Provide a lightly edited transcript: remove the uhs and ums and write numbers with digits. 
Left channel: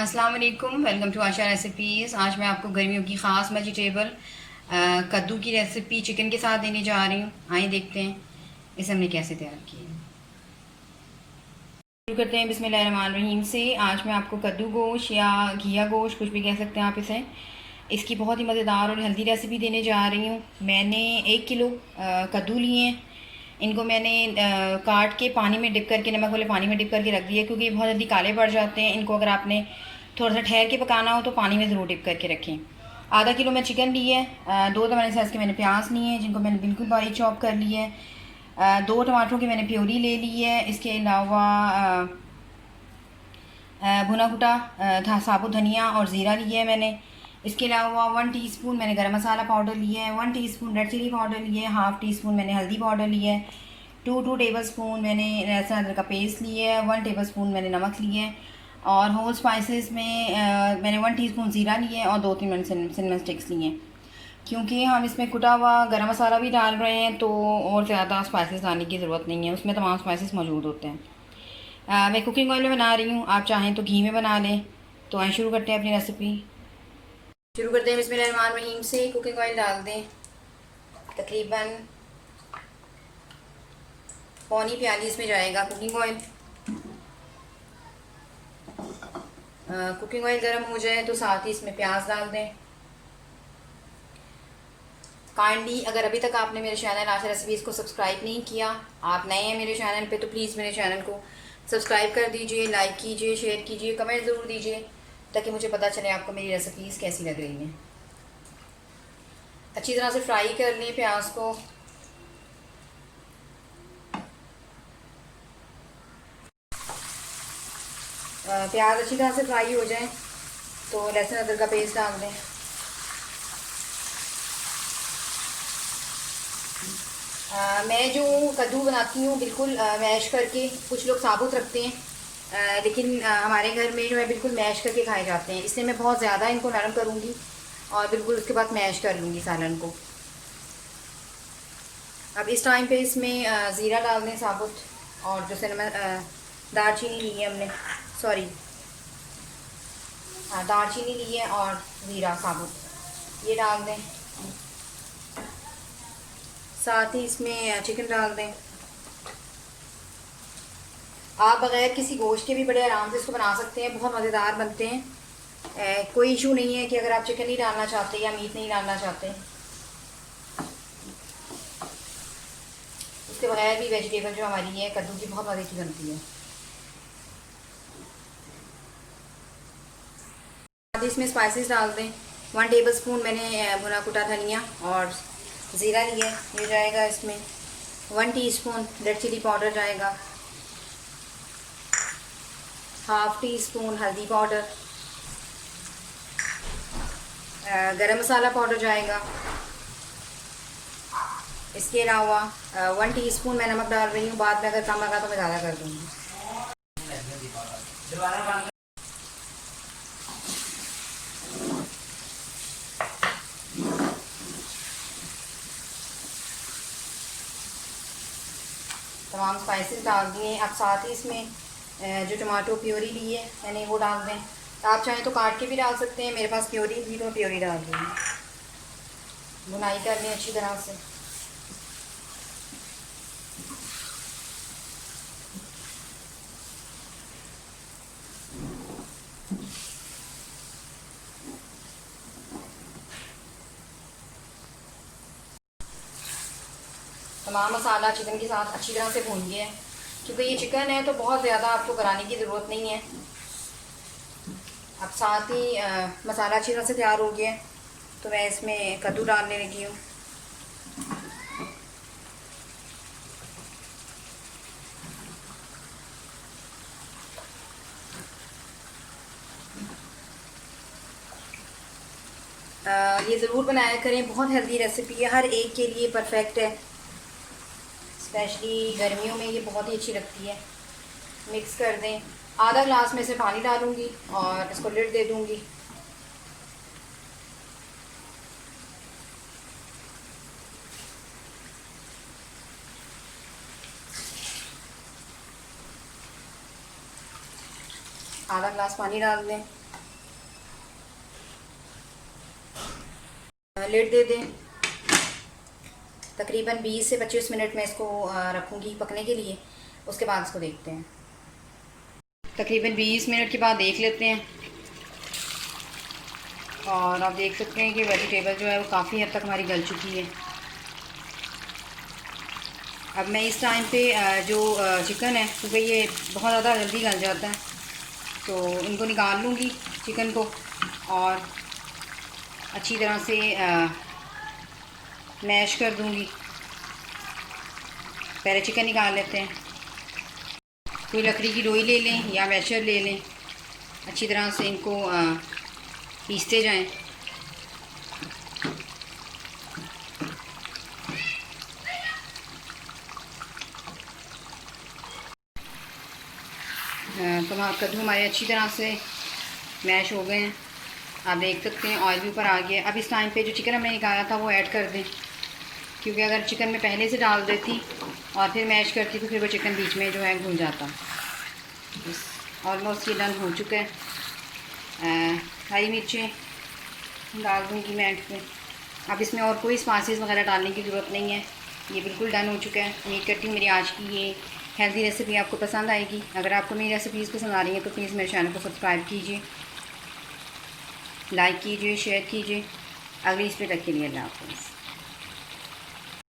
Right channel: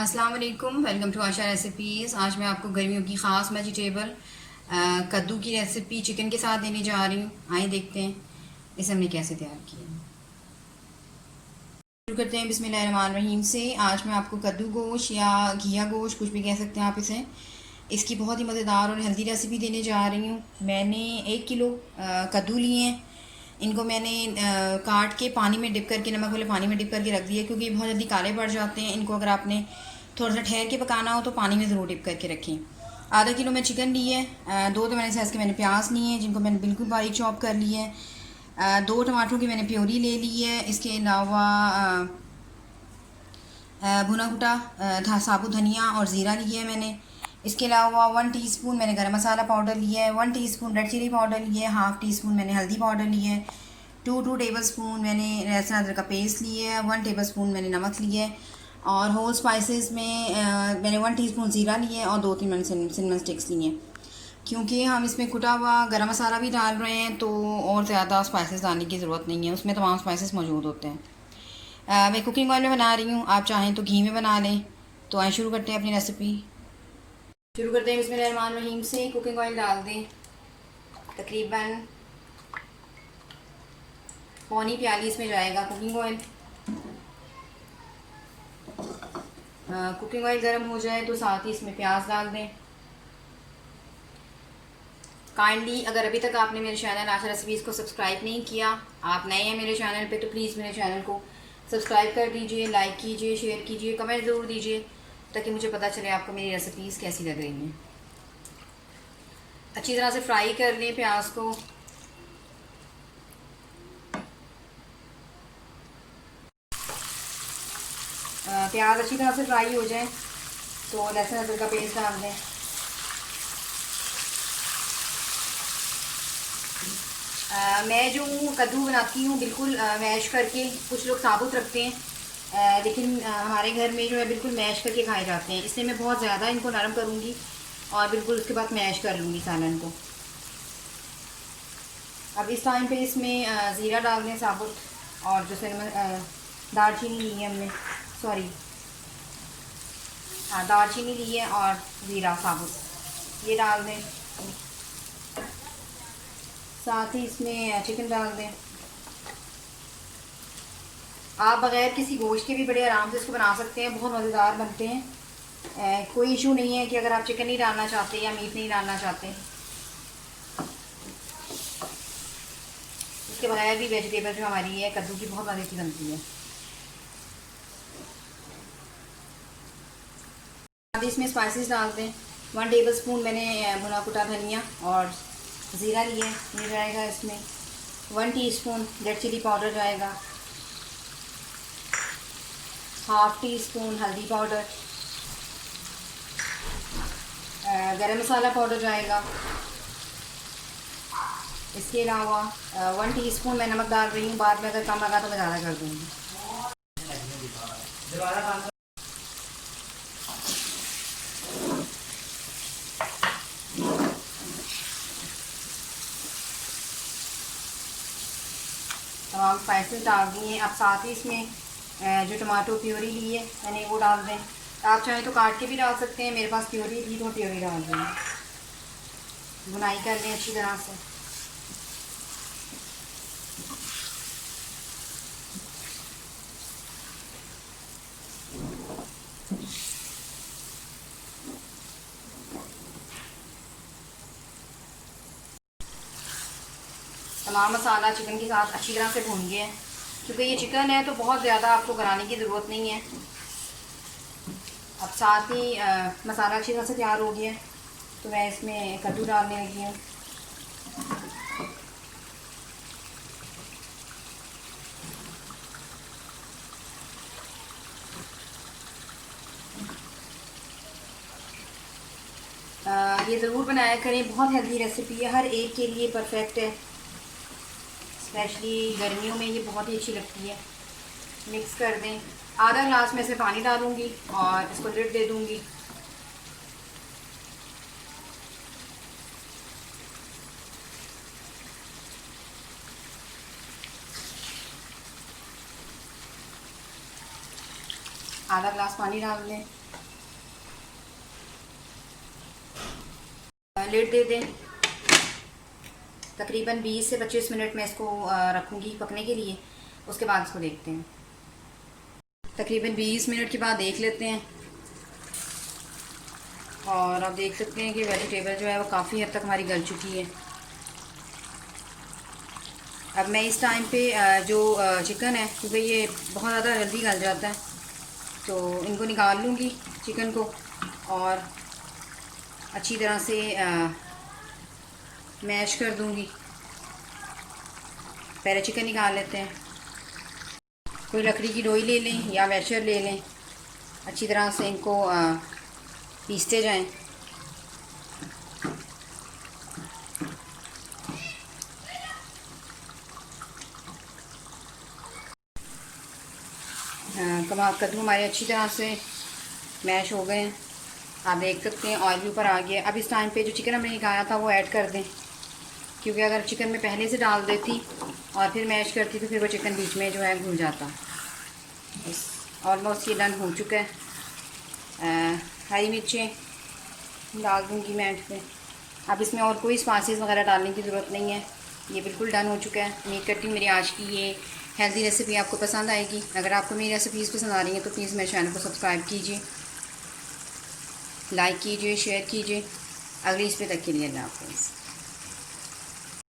अस्सलाम वालेकुम, welcome to Asha recipes. आज मैं आपको गर्मियों की ख़ास वेजिटेबल कद्दू की रेसिपी चिकन के साथ देने जा रही हूँ। आइए देखते हैं इसे हमने कैसे तैयार किया है। शुरू करते हैं बिस्मिल्लाहिर्रहमानिर्रहीम से। आज मैं आपको कद्दू गोश्त या घिया गोश्त, कुछ भी कह सकते हैं आप इसे, इसकी बहुत ही मज़ेदार और हेल्दी रेसिपी देने जा रही हूँ। मैंने 1 किलो कद्दू लिए हैं। इनको मैंने काट के पानी में डिप करके, नमक वाले पानी में डिप करके रख दिया, क्योंकि बहुत जल्दी काले पड़ जाते हैं। इनको अगर आपने थोड़ा सा ठहर के पकाना हो तो पानी में ज़रूर डिप करके रखें। आधा किलो मैं चिकन ली है। 2 मैंने साइज़ के मैंने प्याज लिए हैं, जिनको मैंने बिल्कुल बारीक चॉप कर लिया है। 2 टमाटरों की मैंने प्योरी ले ली है। इसके अलावा भुना कुटा साबुत धनिया और ज़ीरा लिया है मैंने। इसके अलावा 1 टीस्पून मैंने गरम मसाला पाउडर लिया है, 1 टीस्पून रेड चिली पाउडर लिया है, हाफ़ टी स्पून मैंने हल्दी पाउडर लिया है, 2 टेबल स्पून मैंने लहसुन अदरक का पेस्ट लिया है, 1 टेबल स्पून मैंने नमक लिया है। और होल स्पाइसेस में मैंने 1 टीस्पून ज़ीरा लिया है और 2-3 मैंने सिनेमन स्टिक्स लिए हैं। क्योंकि हम इसमें कुटा हुआ गरम मसाला भी डाल रहे हैं तो और ज़्यादा स्पाइसेस डालने की ज़रूरत नहीं है, उसमें तमाम स्पाइसेस मौजूद होते हैं। मैं कुकिंग ऑयल में बना रही हूँ, आप चाहें तो घी में बना लें। तो आइए शुरू करते हैं अपनी रेसिपी। शुरू करते हैं बिस्मिल्लाहिर्रहमानिर्रहीम से। कुकिंग ऑयल डाल दें, तकरीबन पौनी प्याली इसमें जाएगा कुकिंग ऑयल। कुकिंग ऑयल गर्म हो जाए तो साथ ही इसमें प्याज डाल दें। काइंडली अगर अभी तक आपने मेरे चैनल आशा रेसिपीज़ को सब्सक्राइब नहीं किया, आप नए हैं मेरे चैनल पे, तो प्लीज़ मेरे चैनल को सब्सक्राइब कर दीजिए, लाइक कीजिए, शेयर कीजिए, कमेंट ज़रूर दीजिए, ताकि मुझे पता चले आपको मेरी रेसिपीज़ कैसी लग रही हैं। अच्छी तरह से फ्राई कर लें प्याज को। प्याज अच्छी तरह से फ्राई हो जाए तो लहसुन अदरक का पेस्ट डाल दें। मैं जो कद्दू बनाती हूँ बिल्कुल मैश करके, कुछ लोग साबुत रखते हैं, लेकिन हमारे घर में जो है बिल्कुल मैश करके खाए जाते हैं। इसलिए मैं बहुत ज़्यादा इनको नरम करूँगी और बिल्कुल उसके बाद मैश कर लूँगी सालन को। अब इस टाइम पे इसमें ज़ीरा डाल दें साबुत, और जो सिनेमन दालचीनी ली है हमने, सॉरी हाँ दालचीनी ली है और ज़ीरा साबुत ये डाल दें। साथ ही इसमें चिकन डाल दें। आप बग़ैर किसी गोश्त के भी बड़े आराम से इसको बना सकते हैं, बहुत मज़ेदार बनते हैं। कोई इशू नहीं है कि अगर आप चिकन नहीं डालना चाहते या मीट नहीं डालना चाहते, इसके बगैर भी वेजिटेबल जो हमारी है कद्दू की बहुत मज़े की बनती है। अब इसमें स्पाइसेस डाल दें। 1 टेबल स्पून मैंने भुना कुटा धनिया और ज़ीरा लिया ये जाएगा इसमें। 1 टीस्पून रेड चिली पाउडर जाएगा, हाफ़ टी स्पून हल्दी पाउडर, गरम मसाला पाउडर जाएगा। इसके अलावा 1 टीस्पून मैं नमक डाल रही हूँ, बाद में अगर कम लगा तो मैं ज़्यादा कर दूँगी। तमाम स्पाइसेस डाल दिए। अब साथ ही इसमें जो टमाटो प्योरी ली है मैंने वो डाल दें। आप चाहें तो काट के भी डाल सकते हैं, मेरे पास प्योरी थी तो मैं प्योरी डाल दूँगी। बुनाई कर दें अच्छी तरह से। तमाम मसाला चिकन के साथ अच्छी तरह से भून गया है। क्योंकि ये चिकन है तो बहुत ज़्यादा आपको कराने की ज़रूरत नहीं है। अब साथ ही मसाला अच्छी तरह से तैयार हो गया है तो मैं इसमें कद्दू डालने लगी हूँ। ये ज़रूर बनाया करें, बहुत हेल्दी रेसिपी है, हर एक के लिए परफेक्ट है। स्पेशली गर्मियों में ये बहुत ही अच्छी लगती है। मिक्स कर दें। आधा ग्लास में से पानी डालूँगी और इसको लिड दे दूँगी। आधा गिलास पानी डाल दें, लिड दे दें। तकरीबन 20 से 25 मिनट में इसको रखूँगी पकने के लिए। उसके बाद इसको देखते हैं। तकरीबन 20 मिनट के बाद देख लेते हैं और आप देख सकते हैं कि वेजिटेबल जो है वो काफ़ी हद तक हमारी गल चुकी है। अब मैं इस टाइम पे जो चिकन है, क्योंकि ये बहुत ज़्यादा जल्दी गल जाता है, तो इनको निकाल लूँगी चिकन को और अच्छी तरह से मैश कर दूँगी। पहले चिकन निकाल लेते हैं। कोई लकड़ी की लोई ले लें या मैशर ले लें, अच्छी तरह से इनको पीसते जाएं। कद्दू हमारे अच्छी तरह से मैश हो गए हैं। आप देख सकते हैं ऑयल भी ऊपर आ गया। अब इस टाइम पे जो चिकन हमने निकाला था वो ऐड कर दें, क्योंकि अगर चिकन में पहले से डाल देती और फिर मैश करती तो फिर वो चिकन बीच में जो है घुल जाता। बस ऑलमोस्ट ये डन हो चुका है। हरी मिर्चें डाल दूँगी मैं एंड पे। अब इसमें और कोई स्पाइसेस वगैरह डालने की ज़रूरत नहीं है, ये बिल्कुल डन हो चुका है। उम्मीद करती हूँ मेरी आज की ये हेल्दी रेसिपी आपको पसंद आएगी। अगर आपको मेरी रेसिपीज़ पसंद आ रही हैं तो प्लीज़ मेरे चैनल को सब्सक्राइब कीजिए, लाइक कीजिए, शेयर कीजिए। अगली इस पे तक के लिए अल्लाह हाफ़िज़।